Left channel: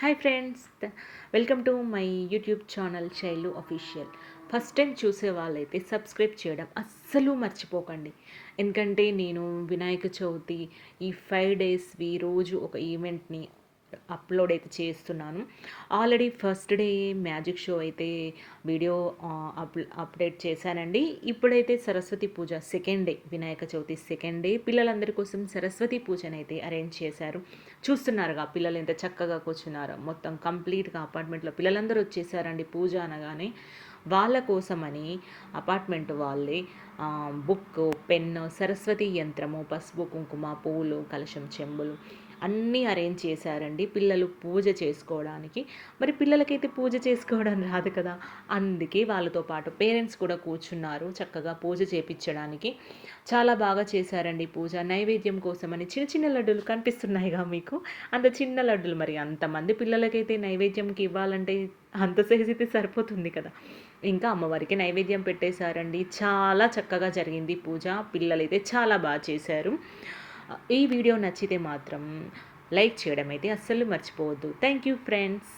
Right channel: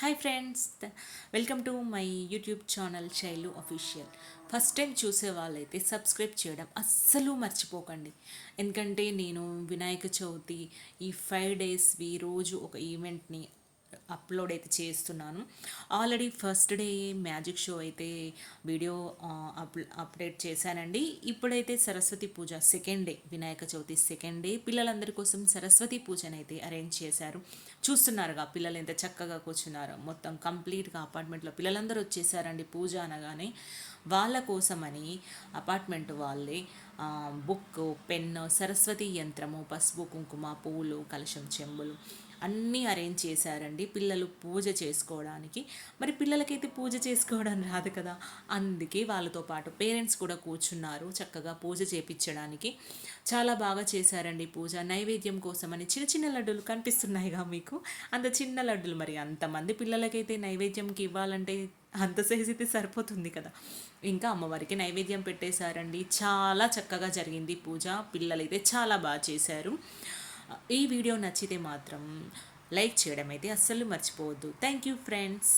Hi friends, welcome to my YouTube channel Shailu official. First time చూసే వాళ్ళైతే subscribe చేయడం అస్సలు మర్చిపోకండి. ఎందుకంటే నేను వినాయక చవితి ఈ 5 డేస్వి రోజు ఒక ఈవెంట్ని అప్లోడ్ అయితే చేస్తున్నాను. Already first day magic show అయితే వీడియో అప్డేట్ చేశానండి. ఇప్పుడైతే Saraswati Puja second day, Vinayaka Chavithi second day పిల్లలందరి కోసం సరస్వతి పూజను అయితే అరేంజ్ చేశారు. చూస్తున్నారుగా పిల్లలు ఎంత చక్కగా కూర్చున్నారు. మొత్తం కంప్లీట్గా అపార్ట్మెంట్లో పిల్లలందరూ వచ్చేసారండి. పూజ అనగానే వాళ్ళ కోసమని అపార్ట్మెంట్ వాళ్ళే బుక్, పెన్, సరస్వతి యంత్రము, పసుపు కుంకుమ, పూలు, కలశం, చెంబులు అన్నీ అరేంజ్ చేశారండి పిల్లలు పూజ చేసుకోవడానికి. మరి పిల్లలకైతే పూజ చేసుకోవడం రాదు కదా, అందుకే వాళ్ళతో పాటు పేరెంట్స్ కూడా కూర్చున్నారు చక్కగా పూజ చేపించడానికి. చాలా బాగా చేశారండి పూజ. నైవేద్యం కోసమని చిన్న చిన్న లడ్డూలు కనిపిస్తున్నాయిగా మీకు, అంత చిన్న లడ్డూలు. మరి అంతమంది పిల్లలకైతే నైవేద్యంకి ఇవ్వాలంటే అంత సైజ్ అయితే సరిపోతుంది కదా. ఇంకా అమ్మవారికి నైవేద్యం పెట్టేశారండి. చాలా చక్కగా జరిగింది పూజ. పిల్లలైతే చాలా బాగా చేశారు. ఈ వీడియో నచ్చితే మాత్రం లైక్ చేయడం అయితే అస్సలు మర్చిపోవద్దు. Thank you friends.